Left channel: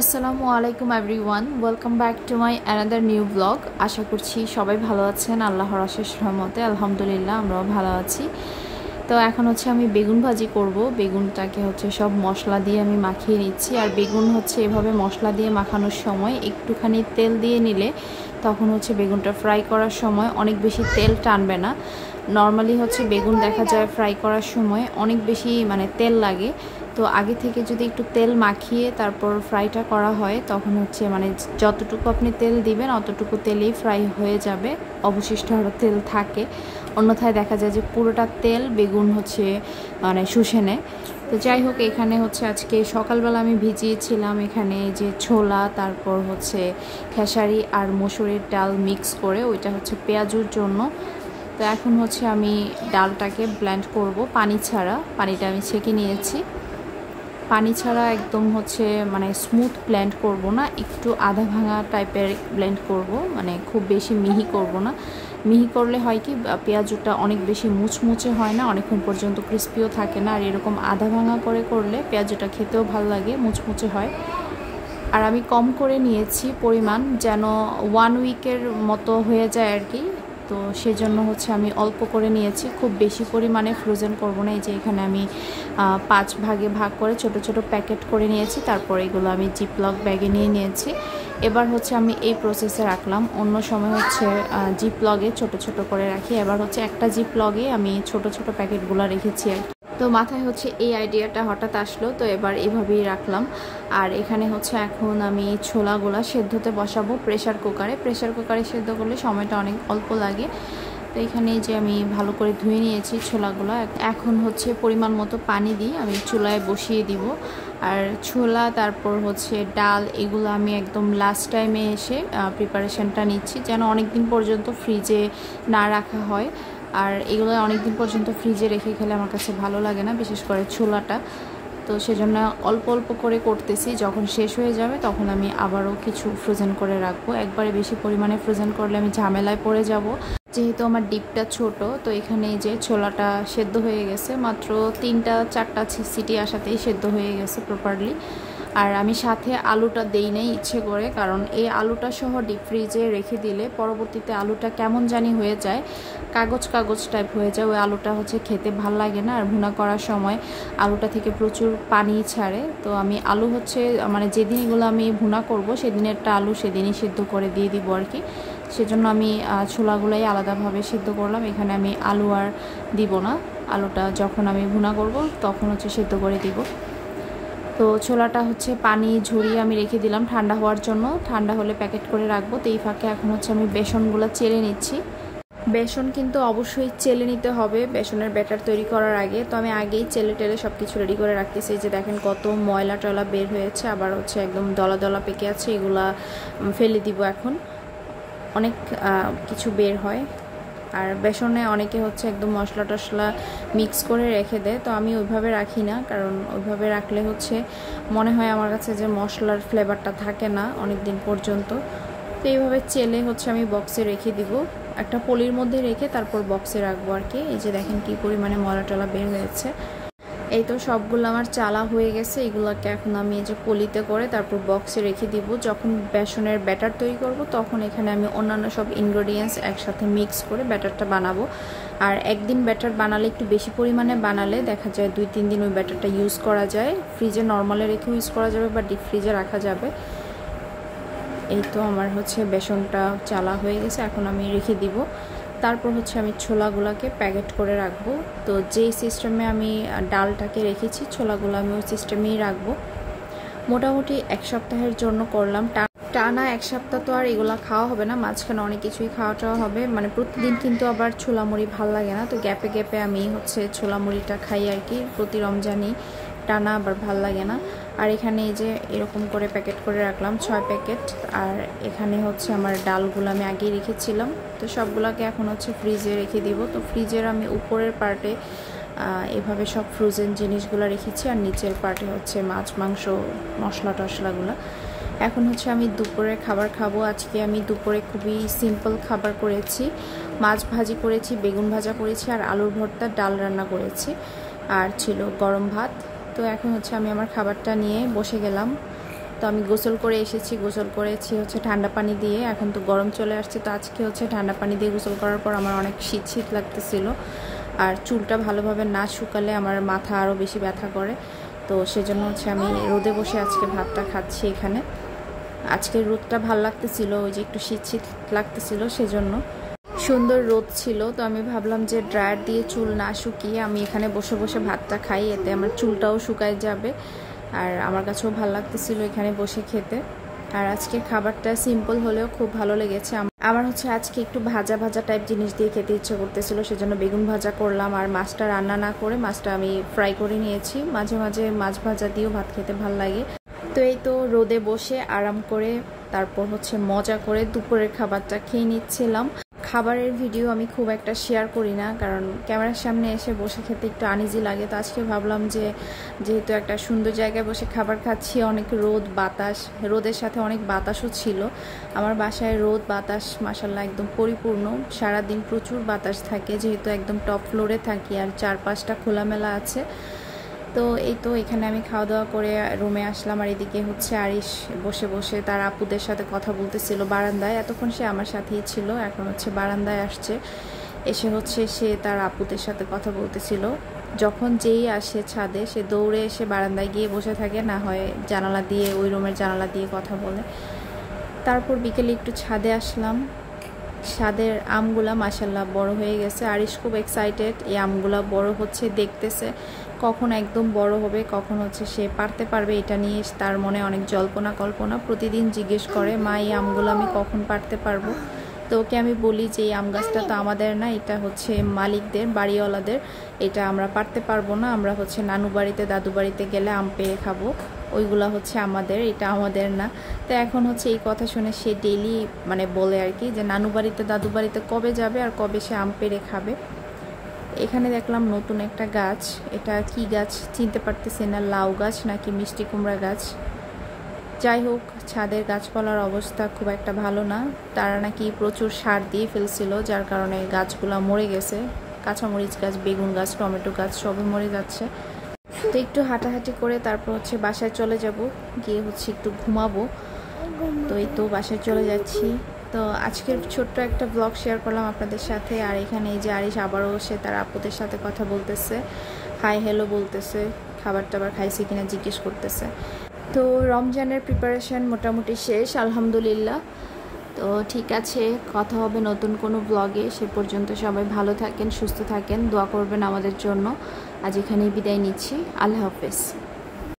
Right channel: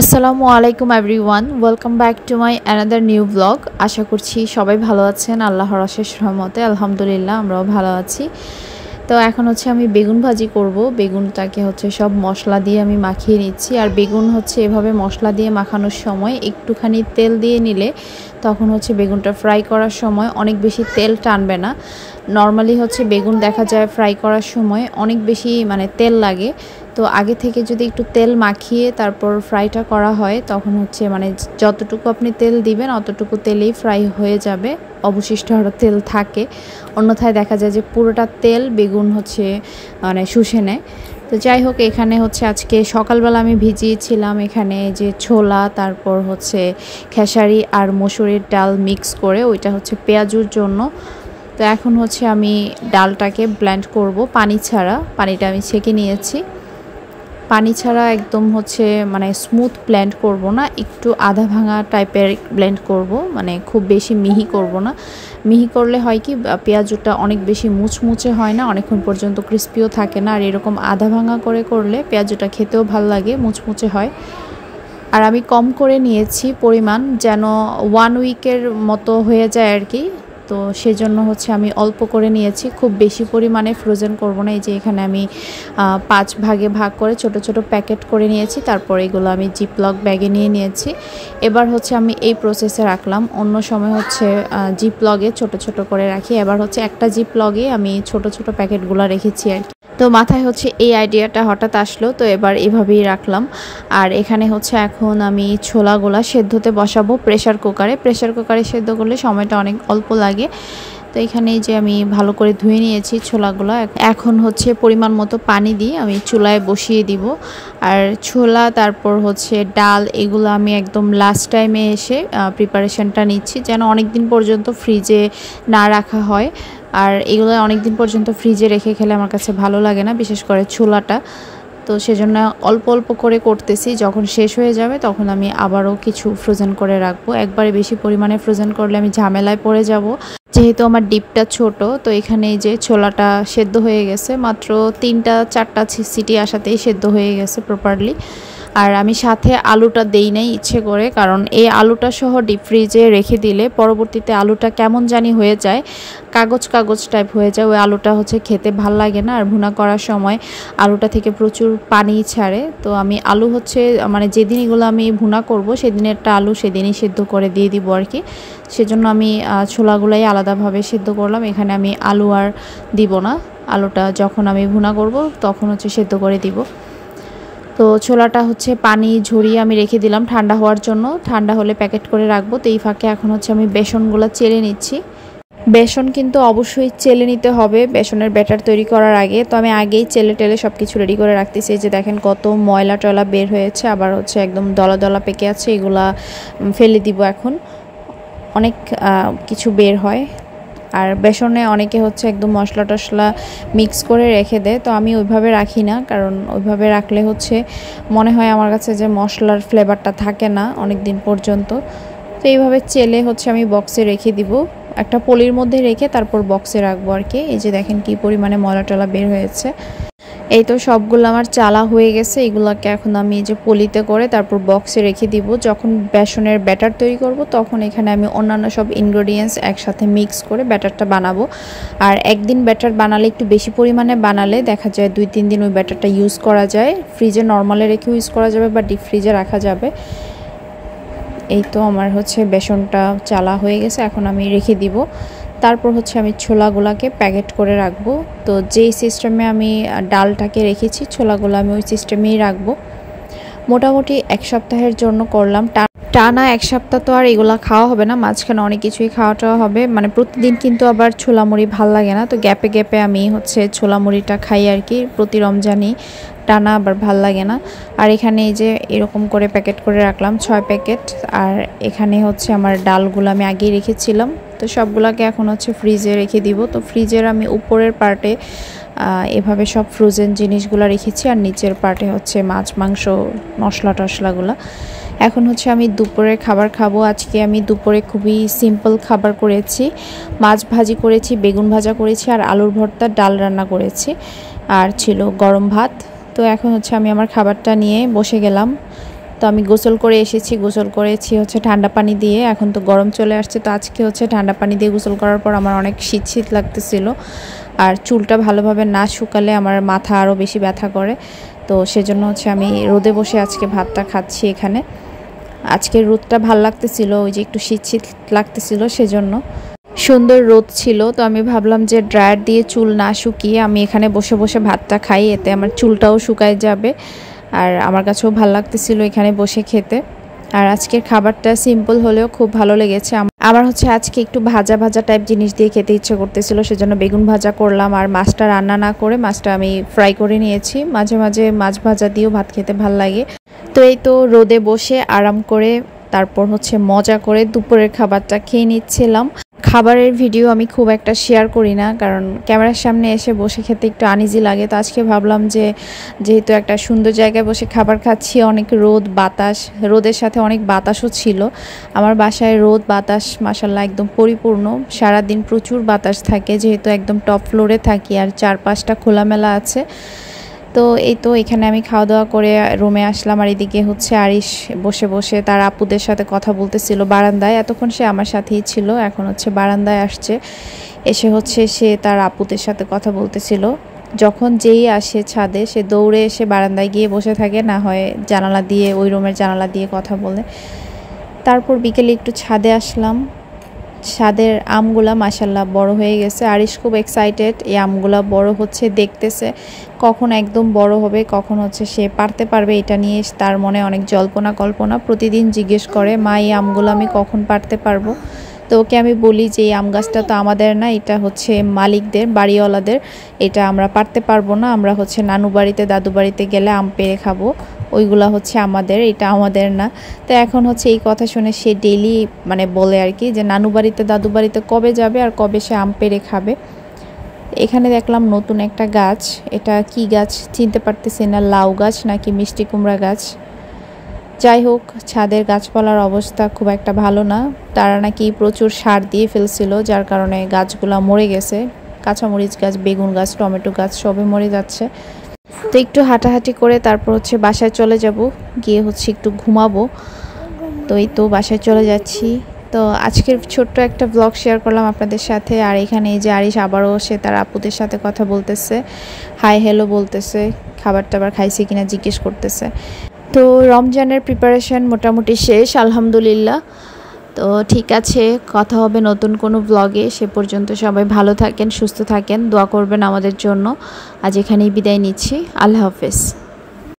আসসালামু আলাইকুম everyone, welcome back to my another new blog. আশা করছি সবাই ভালো আছেন। আল্লাহর অশেষ রহমতে আলহামদুলিল্লাহ আমরাও ভালো আছি। তো এখন হচ্ছে আমি বেগুন ভাজি করব। বেগুনটাকে হচ্ছে সব মশলা দিয়ে আমি মাখিয়ে নিচ্ছি। আর বেগুন হচ্ছে এভাবে মশলা দিয়ে মাখানোর সময় একটুখানি তেল দিয়ে নিলে তখন হচ্ছে বেগুনটা ফ্রাই করার সময় অনেক বেশি তেল টানবে না। নর্মালি হচ্ছে বেগুন দেখা যায় ফ্রাই করার সময় অনেক বেশি তেল লাগে। তো আগে থেকে যদি একটু তেল মাখিয়ে তারপর ফ্রাইটা করা হয় তখন হচ্ছে যতটুকু আপনি তেল দিবেন অতটুকু তেলেই ফ্রাই হয়ে যাবে, অবশিষ্ট আরও তেল থাকে। অন্যথায় দেখা যায় যে পুরোটা তেল বেগুন হচ্ছে শুষে নেয়। তো যাই হোক, এখানে হচ্ছে আজকে সকালবেলা আমি ভিজিয়েছিলাম এখানে যে ছোলা, তারপর হচ্ছে খেসারি আর মসুরির ডাল মিক্স করে, ওইটা হচ্ছে পেঁয়াজুর জন্য। তো এখন হচ্ছে আমি ডালটাকে ব্লেন্ড করব পানি ছাড়া। পানিটা আমি ছেঁকে নিয়েছি। পানি ছাড়া একদম হচ্ছে স্মুথ ব্লেন্ড করব না, একটু আধা ভাঙা টাইপের ব্লেন্ড করব, খুব বেশি মিহি করব না। মিহি করলে হয় কি, পেঁয়াজটা অনেক বেশি মুচমুচে হয় না, অনেকক্ষণ পর্যন্ত ক্রিস্পিও থাকে না। আর এরকম আধা ভাঙা করে করলে পেঁয়াজটা খেতেও ভালো লাগে, মুচমুচে হয়। আর আমি কম করে নিয়েছি পরিমাণ, যেন 1 উইকের মতো হয়ে যায় আর কি। তো সেজন্য হচ্ছে আমি অল্প করে নিয়েছি, খুব বেশি পরিমাণে ফ্রোজেন করব না। এই যে এখানে আমি 5 ভাগে ভাগ করে ছোট ছোট প্যাকেট করে নিয়েছি। তারপর এগুলো আমি জিপলক ব্যাগে নিয়ে নিয়েছি। এবার হচ্ছে আমি এই প্রসেসে রাখলাম। অন্য সময় হচ্ছে জিপলগে ছোট ছোট করে রাখি, এবার হচ্ছে একটা জিপলগে আমি ছোট ছোট প্যাকেটগুলো রেখেছি আর কি। তো মাথায় হচ্ছে এই আইডিয়াটা হঠাৎ আসলো, তো এবার এভাবেই রাখলাম। আর এখানে হচ্ছে এখন আমি ছোলাগুলা সেদ্ধতে বসাবো প্রেশার কুকারে সেদ্ধ করলে সময়টা অনেক অল্প লাগে। তো এখানে যে আমি ভালো করে ধুয়ে নিয়েছি ছোলাগুলো। এখন হচ্ছে পরিমাণ মতো পানি দিয়ে আমি চুলায় বসিয়ে দিব। আর ছোলা তারপর হচ্ছে ডাল এগুলো আমি একদম লাস্ট টাইমে এসে প্রিপারেশনটা নিচ্ছি, যেন অনেক দিন পর্যন্ত ফ্রিজে না রাখা হয়। আর এগুলো অনেক দিন পর্যন্ত ফ্রিজে রেখে খেলে আমার কাছে ভালো লাগে না, বিশেষ করে ছোলাটা। তো সেজন্য অল্প অল্প করে করতেছি, যখন শেষ হয়ে যাবে তখন আমি আবারও কিছু ফ্রোজেন করে রাখবো। একবারে বেশি পরিমাণে ফ্রোজেন করলে আমি ঝামেলায় পড়ে যাব, যেহেতু আমার ডিপটা ছোট। তো এখানে এই যে ছোলাটা সেদ্ধ হয়ে গেছে, মাত্র 3-4টা সিটি আসাতেই সেদ্ধ হয়ে গেছে প্রপারলি। আর আমি সাথে আলুটা দেই নাই ইচ্ছে করে, কারণ এই আলুটা সহ ডিপ ফ্রিজে রেখে দিলে পরবর্তীতে আলুটা কেমন জানি হয়ে যায়, কাগজ কাগজ টাইপ হয়ে যায়। ওই আলুটা হচ্ছে খেতে ভাল লাগে না। আর ভুনা করার সময় আলুটা থেকে প্রচুর পানি ছাড়ে। তো আমি আলু হচ্ছে যেদিন এগুলো আমি ভুনা করব সেদিনেরটা আলু সেদিনই সেদ্ধ করে দিয়ে দিব আর কি। সেজন্য আমি ছোলাগুলাই আলাদাভাবে সেদ্ধ করলাম। এখানে আমি আলু আর দিব না, আলুটা যখন আমি ভুনা করব তখন হচ্ছে সেদ্ধ করে দিব। তো ছোলাটা হচ্ছে পানি ঝরিয়ে আমি রেখে দিলাম ঠান্ডা হওয়ার জন্য, ঠান্ডা হলে প্যাকেট করে রাখবো। তো এই ফাঁকে এখন হচ্ছে আমি বেসনগুলো চেলে নিচ্ছি। বেসন কিন্তু অবশ্যই চেলে নিতে হবে বেসনের ব্যাটার তৈরি করার আগে। তো আমি আগেই চেলে টেলে সব কিছু রেডি করে রাখতেছি। যে দেখেন কত ময়লা টয়লা বের হয়েছে, আবার হচ্ছে একদম দলা দলা পেকে আছে, এগুলা ফেলে দিব এখন। অনেক কিছু বের হয়। আর বেসনে অনেকে হচ্ছে একদম মশলা টশলা মিক্স করে রেখে দেয়, তো আমি ওইভাবে রাখি না, কারণ ওইভাবে রাখলে হচ্ছে মনে হয় আমার কাছে যে মশলার ফ্লেভারটা থাকে না অনেক দিন পর্যন্ত। তো এইভাবে চেলে হচ্ছে আমি বক্সে রেখে দিব, একটা পলির মধ্যে রেখে তারপর বক্সে রাখবো আর কি। এই যে দেখেন কি পরিমাণে ময়লা টলা বের হয়েছে। এই তো সবগুলো আমার চালা হয়ে গেছে। এগুলোকে এখন আমি এই যে পলিতে করে তারপর বক্সে রেখে দিব। যখন বেসনের ব্যাটার তৈরি করব তখন এখানে আমি অন্যান্য সব ইনগ্রেডিয়েন্টস একসাথে মিক্স করে ব্যাটারটা বানাবো। আর একদিন ব্যাটার বানালে, একটু বেশি পরিমাণে বানালে দেখা যায় 2-3 দিন ওই ব্যাটারটা ইউজ করা যায়। ফ্রিজে নর্মালে রেখে ইউজ করা যাবে বা ডিপ ফ্রিজে রাখা যাবে। এই তো আমার হচ্ছে বেসনটা চালা হয়ে গেছে, এখন আমি রেখে দিব। তারপর হচ্ছে আমি ছোলাগুলাকে প্যাকেট করে রাখবো। তো যেই সিস্টেমে আমি ডালটাকে রেখেছি ছোলাগুলো আমি ওই সিস্টেমেই রাখবো। মোটামুটি 1 সপ্তাহের জন্য করলাম। টানা 1 সপ্তাহ তো আর এগুলা খাওয়া হবে না, মাঝখানে অনেক কিছুই খাওয়াটা হবে। প্রতিদিন কিন্তু আবার ছোলা মুড়ি ভাল লাগে না, তো গ্যাপে গ্যাপে আমি হচ্ছে ছোলা মুড়িটা খাই আর কি। প্রতি রমজানই টানা আবার ভাল লাগে না। আর এখানে এই যে এরকম করে প্যাকেট করে রাখলাম 6 প্যাকেট। আর এখানে হচ্ছে আমার ডালগুলো আমি আগেই রেখেছিলাম, তো সবগুলোকে এখন হচ্ছে ফ্রিজে রেখে দিব। তো ফ্রিজের আমি উপরের পার্টে এভাবে সব ফ্রোজেন জিনিসগুলো রেখেছি, আর নিচের পার্টে হচ্ছে মাছ মাংস মশলা টশলাগুলো। এখন হচ্ছে আমি দুপুরের খাবার খাবো। আজকে আমি দুপুরে খুবই সিম্পল খাবার করেছি, মাছ ভাজি করেছি, বেগুন ভাজা করেছি, আর আলুর ভর্তা, ডাল রান্না করেছি, আর ছিল গরম ভাত। তো এখন হচ্ছে আমি আমার খাবারটা নিয়ে বসে গেলাম। তো আমি গোসল করে এসেছি, গোসল করেছি হচ্ছে ঠান্ডা পানি দিয়ে। এখন তো গরম চলে আসছে, তো আজকে হচ্ছে ঠান্ডা পানি দিয়ে গোসল করার পর আমার অনেক শীত শীত লাগতেছিল। আর চুলটা ভালোভাবে না শুকালে আমার মাথা আরও বেশি ব্যথা করে। তো সেজন্য হচ্ছে আমি রোদে বসে আজকে ভাতটা খাচ্ছি এখানে। আজকের রোদটা ভাল লাগতেছিল, ওই যে একটু শীত শীত লাগতেছিল, সেজন্য সুন্দর রোদ ছিল। তো আমি ভাবলাম যে ড্রায়ার দিয়ে চুল না শুকিয়ে আমি এখানে বসে বসে ভাতটা খাই, এতে আমার চুলটাও শুকায় যাবে। আর আমার কাছেও ভালো লাগতেছিল এখানে বসে খেতে। আর আজকের খাবারটা সিম্পল হলেও খুব ভালো লেগেছে আমার। হচ্ছে আজকে একটু ভাজা ভাজা টাইপ জিনিস দিয়ে খেতে ইচ্ছে করতেছিল, সেজন্য বেগুন ভাজা করলাম। আর মাছটা রান্না না করে মাছটা আমি ফ্রাই করে নিয়েছি। মাঝে মাঝে মাছ ভাজা দিয়েও ভাত খেতে ভাল লাগে। তো এই তো রোদে বসে আরাম করে তারপর হচ্ছে মজা করে দুপুরের খাবারটা খেয়ে নিচ্ছিলাম। খাবারের ভিডিও আমি খুব একটা শেয়ার করি না, কারণ ক্যামেরার সামনে এসে বসে খেতে একটু আনইজি লাগে। তো আজকে ভাবলাম যে যেহেতু একটা সুন্দর জায়গায় বসে খাবার খাচ্ছি, অনেক রোদ বাতাস, রোদের সাথে অনেক বাতাসও ছিল। আমার বাসায় রোদ বাতাস মাশাআল্লাহ একদম পরিপূর্ণ, সারাদিন প্রচুর বাতাস থাকে, যেহেতু একদম টপ ফ্লোরে থাকি আর চারপাশটা খোলামেলা আছে। তো এই তো এখানে আমি খাওয়া দাওয়া করে রুমে আসলাম। আর এদিকে হচ্ছে আরিশ বসে বসে তার আপুদের সাথে কথা বলতেছিল বারান্দায়। এতক্ষণ সে আমার সাথেই ছিল, এখন হচ্ছে বারান্দায় আসছে, এসে হচ্ছে সে তার আপুদের সাথে কথা বলতেছিল। যখন যেই আসে ছাদে সে দৌড়ে এসে বারান্দায় গিয়ে বসে থাকে, না হয় জানালা দিয়ে, ওই রুমের জানালা দিয়ে কথা বলে। তারপর বিকেলে একটু ছাদে আসলাম। ছাদের আমগুলা মাশাআল্লাহ বড় হয়ে গেছে। আরিশ খুব এক্সাইটেড, এই আমগুলা বড় হচ্ছে, দেখতেছে কখন একদম বড় হবে, কখন হচ্ছে সে পারতে পারবে, এটা নিয়ে তার মনে অনেক জল্পনা কল্পনা। প্রতিদিন জিজ্ঞেস করে, মা এই আমগুলো আমি কখন পারতে পারবো। তো ওকে আমি বলি যে এই আম গাছটা তো আমাদের না, এটা হচ্ছে মালিকদের, বাড়িওয়ালাদের, এটা আমরা পারতে পারবো না। আমরা হচ্ছে নানু বাড়িতে দাদু বাড়িতে গেলে আম পেড়ে খাবো, ওইগুলা হচ্ছে আমাদের, এটা আমাদের না। তো এখন হচ্ছে এই কথা শুনে সে ডেইলি মানে বলে আর কি, যে নানু বাড়িতে দাদু বাড়িতে কবে যাবে আর কবে সে আম পেড়ে খাবে। এখানে দেখলাম নতুন একটা গাছ, এটা কি গাছ চিনতে পারতেছি না, লাউ গাছ নাকি মিষ্টি কুমড়া গাছ। যাই হোক, ছাদের গাছপালার অবস্থা খুব একটা ভালো না, তারা নাকি প্রচুর সার দিয়ে ফেলছিল, যার কারণে গাছগুলা মরে গেছে। কাঁচামরিচ গাছ, বেগুন গাছ, টমেটো গাছ সবই মরে যাচ্ছে। তো একটু হাঁটাহাঁটি করে তারপর হচ্ছে বাসায় চলে যাব, গিয়ে হচ্ছে একটু ঘুমাবো। তো এই তো বাসায় চলে যাচ্ছি। তো আজকের ছোট্ট একটা ব্লগ শেয়ার করলাম আপনাদের সাথে। আর এখানে এই যে আরিশ আবারও সে তার আপুদের সাথে কথা বলতেছে, হাই হ্যালো বলতেছে, খাবার টাবার খাইছে কিনা জিজ্ঞেস করতেছে। তো রমজানের প্রিপারেশন মোটামুটি শেষ আলহামদুলিল্লাহ। তো ঠিক আছে, কথা হবে নতুন কোনো ব্লগে। সে পর্যন্ত সবাই ভালো থাকেন, সুস্থ থাকেন, দোয়া করবেন আমাদের জন্য। আজ এখানেই বিদায় নিচ্ছি, আল্লাহ হাফেজ।